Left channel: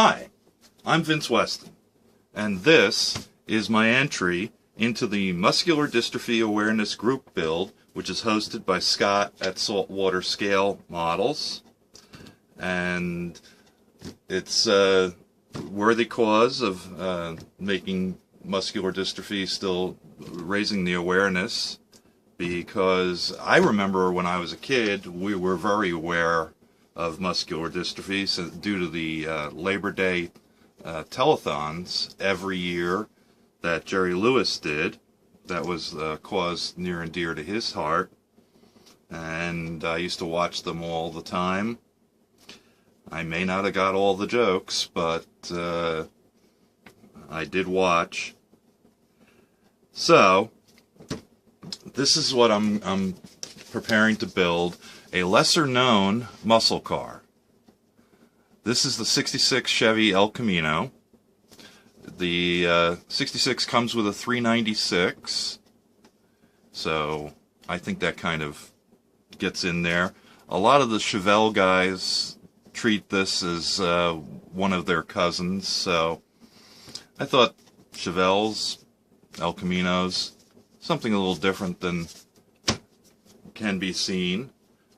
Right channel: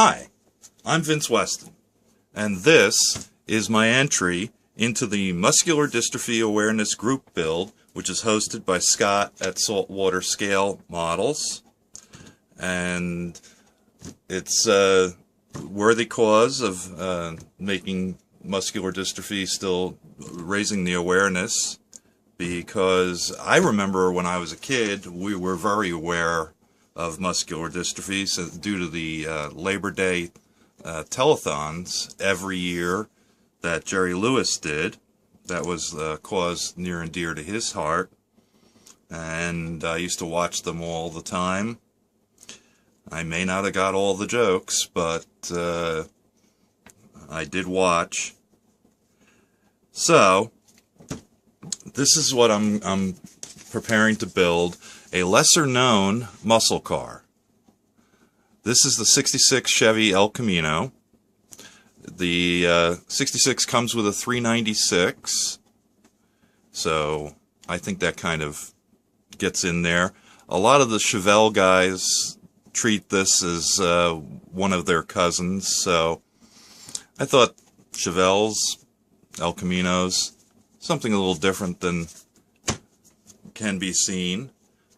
Hi, I'm Vince Weston, and this is my entry into the Muscular Dystrophy Awareness Group Build, which is hosted by Scott at Saltwater Scale Models. And it's a worthy cause of making muscular dystrophy, still raising the awareness, because I remember when I was a kid, we were very aware of muscular dystrophy due to the Labor Day telethons every year that Jerry Lewis did. That was a cause near and dear to his heart, and I used to watch them all the time. I may not have got all the jokes, but I did watch. So this is what I'm preparing to build: a lesser-known muscle car. This is the 66 Chevy El Camino. The 66 comes with a 396, so I think that kind of gets in there. A lot of the Chevelle guys treat this as one of their cousins, so I thought Chevelles, El Caminos, something a little different than can be seen.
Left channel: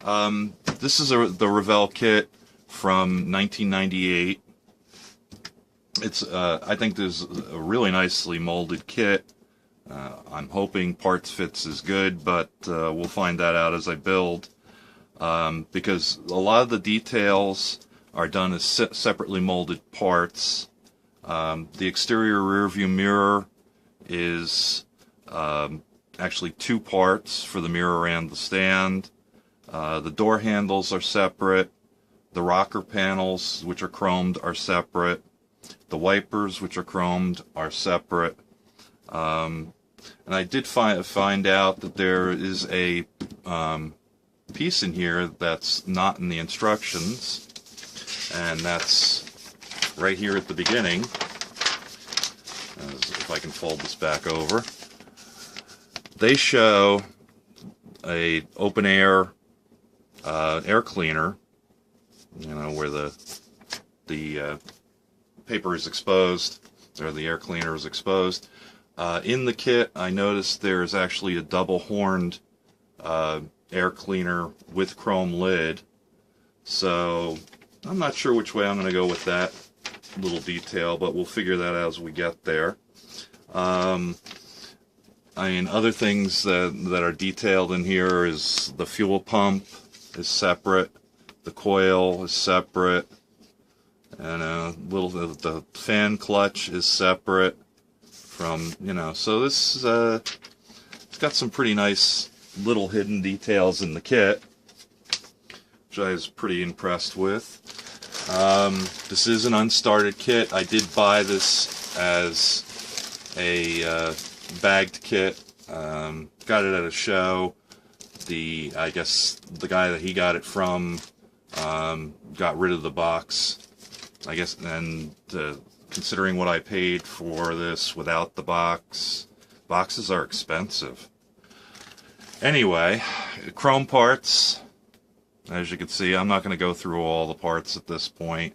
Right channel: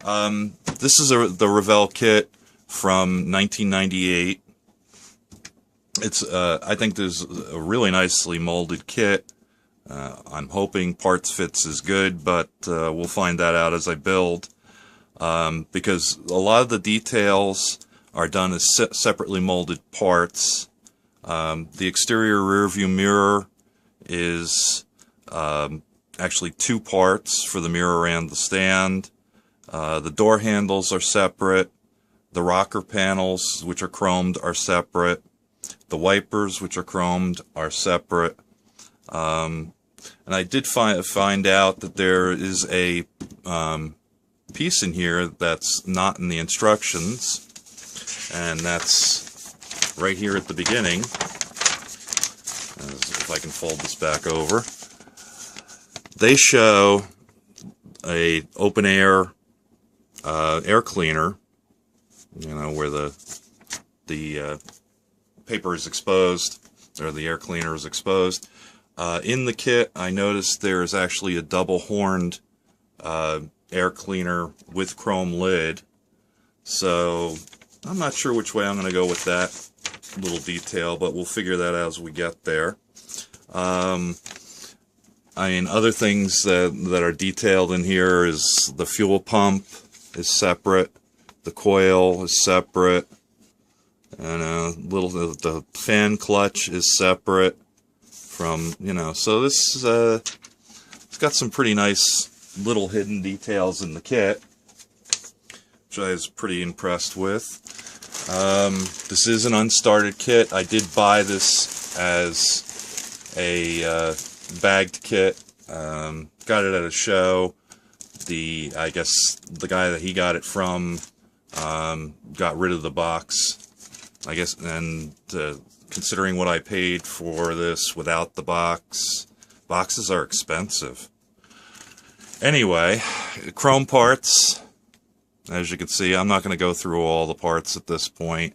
This is the Revell kit from 1998. It's I think there's a really nicely molded kit. I'm hoping parts fits is good, but we'll find that out as I build, because a lot of the details are done as separately molded parts. The exterior rear view mirror is actually two parts for the mirror and the stand. The door handles are separate. The rocker panels, which are chromed, are separate. The wipers, which are chromed, are separate. And I did find out that there is a piece in here that's not in the instructions, and that's right here at the beginning. If I can fold this back over. They show a open air air cleaner, you know, where the paper is exposed, or the air cleaner is exposed. In the kit, I noticed there is actually a double-horned air cleaner with chrome lid. So I'm not sure which way I'm going to go with that little detail, but we'll figure that out as we get there. I mean, other things that are detailed in here is the fuel pump is separate, the coil is separate, and the fan clutch is separate from, so this it's got some pretty nice little hidden details in the kit, which I was pretty impressed with. This is an unstarted kit. I did buy this as a bagged kit. Got it at a show. I guess the guy that he got it from got rid of the box, I guess, and considering what I paid for this without the box, boxes are expensive. Anyway, chrome parts, as you can see. I'm not going to go through all the parts at this point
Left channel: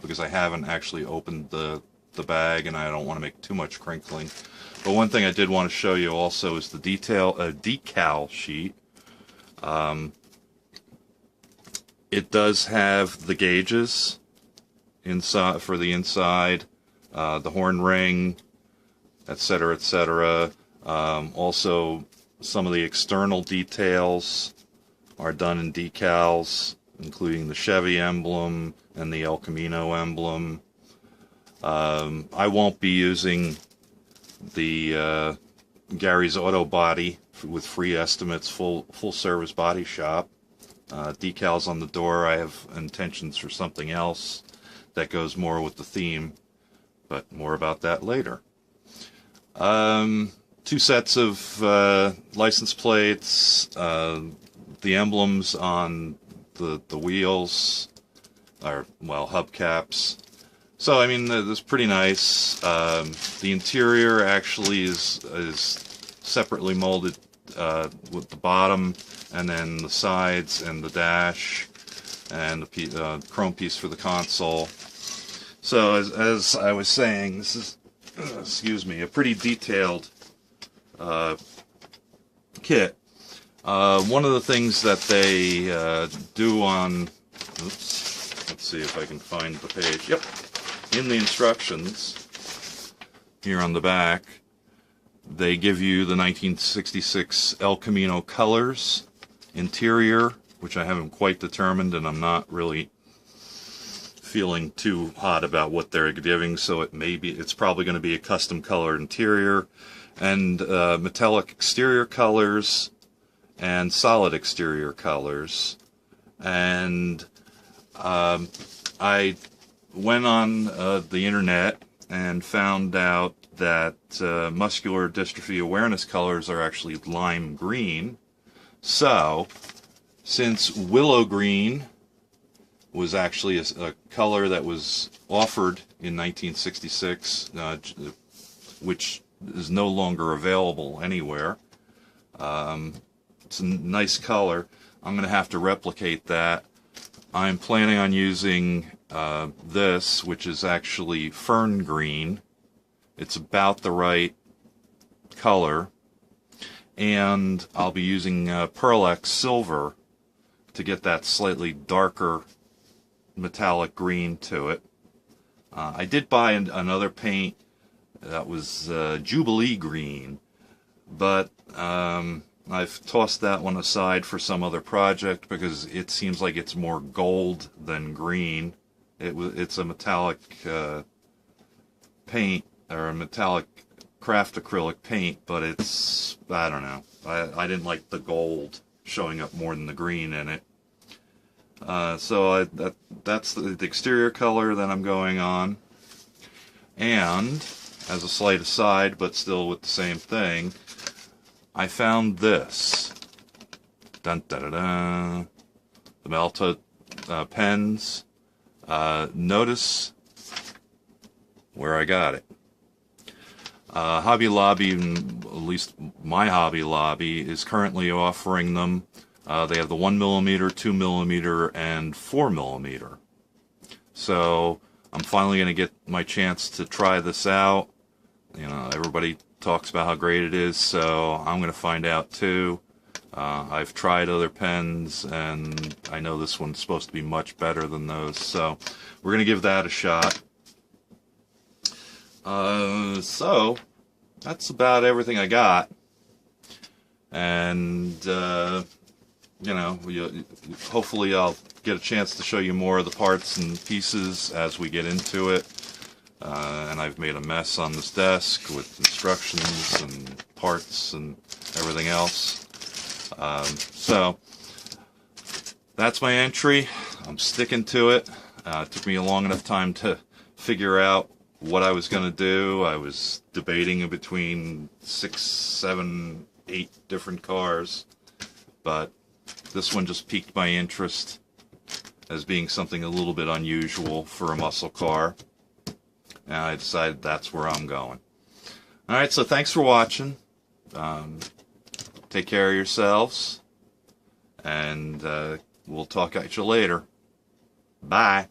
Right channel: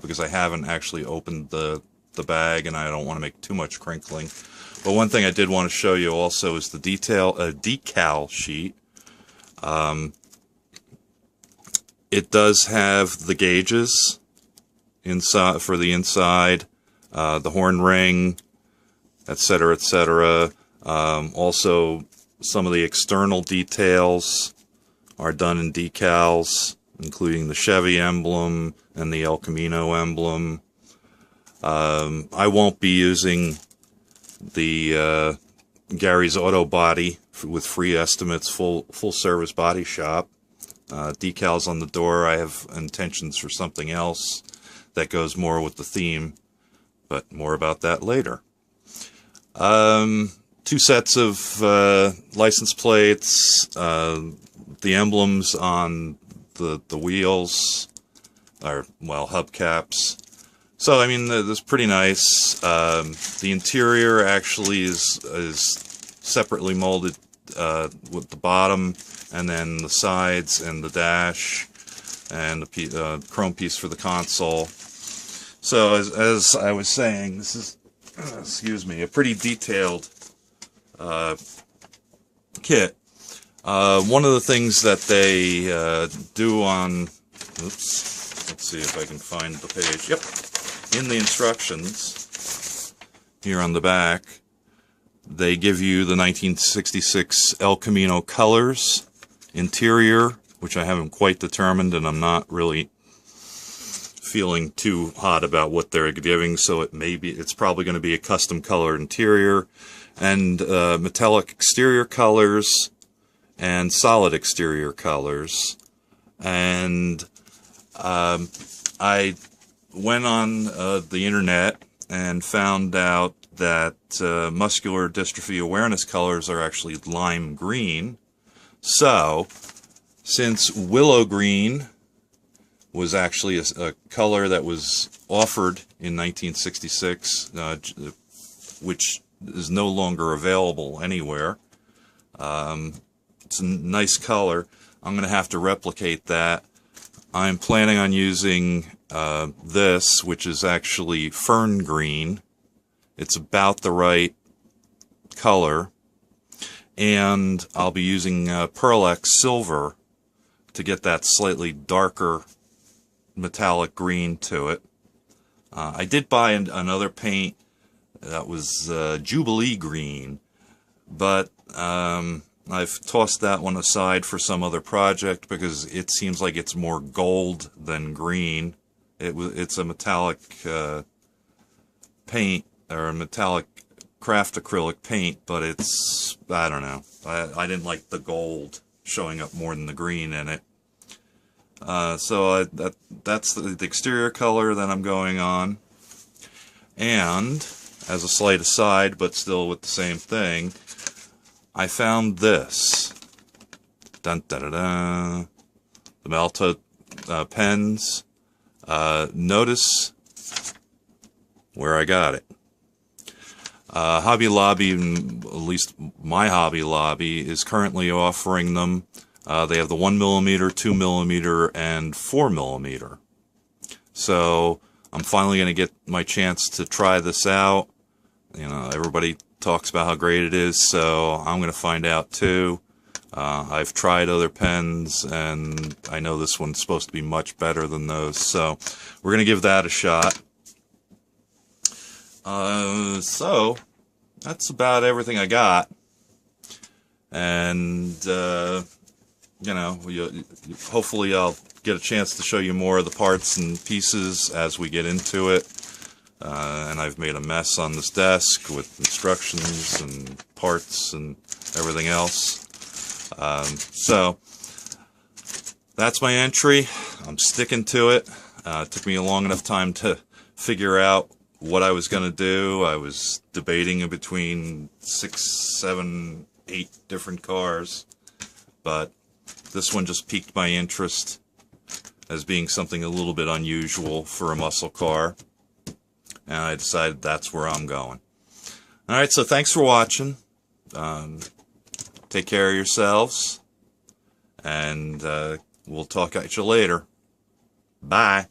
because I haven't actually opened the bag, and I don't want to make too much crinkling. But one thing I did want to show you also is the decal sheet. It does have the gauges inside for the inside, the horn ring, etc., etc. Also, some of the external details are done in decals, including the Chevy emblem and the El Camino emblem. I won't be using the Gary's Auto Body with free estimates, full service body shop. Decals on the door, I have intentions for something else that goes more with the theme, but more about that later. Two sets of license plates, the emblems on the wheels, or, well, hubcaps. So, I mean, that's pretty nice. The interior actually is separately molded with the bottom, and then the sides and the dash, and the chrome piece for the console. So as I was saying, this is, excuse me, a pretty detailed kit. One of the things that they do on, oops, let's see if I can find the page. Yep, in the instructions here on the back, they give you the 1966 El Camino colors, interior, which I haven't quite determined, and I'm not really feeling too hot about what they're giving, so it's probably going to be a custom colored interior, and metallic exterior colors and solid exterior colors. And I went on the internet and found out that muscular dystrophy awareness colors are actually lime green. So since willow green was actually a color that was offered in 1966, which is no longer available anywhere. It's a nice color. I'm going to have to replicate that. I'm planning on using this, which is actually fern green. It's about the right color. And I'll be using Pearl X silver to get that slightly darker metallic green to it. I did buy another paint that was Jubilee green, but I've tossed that one aside for some other project because it seems like it's more gold than green. It's a metallic paint, or a metallic craft acrylic paint, but it's, I don't know. I didn't like the gold showing up more than the green in it. So that's the exterior color that I'm going on. And as a slight aside, but still with the same thing, I found this. Dun, da, da, da. The Malta pens. Notice where I got it. Hobby Lobby, at least my Hobby Lobby, is currently offering them. They have the 1mm, 2mm, and 4mm. So I'm finally going to get my chance to try this out. You know, everybody talks about how great it is, so I'm going to find out too. I've tried other pens, and I know this one's supposed to be much better than those, so we're going to give that a shot. So that's about everything I got. And you know, hopefully I'll get a chance to show you more of the parts and pieces as we get into it. And I've made a mess on this desk with instructions and parts and everything else. So that's my entry. I'm sticking to it. It took me a long enough time to figure out what I was going to do. I was debating between 6, 7, 8 different cars, but this one just piqued my interest as being something a little bit unusual for a muscle car, and I decided that's where I'm going. Alright, so thanks for watching. Take care of yourselves, and we'll talk at you later. Bye.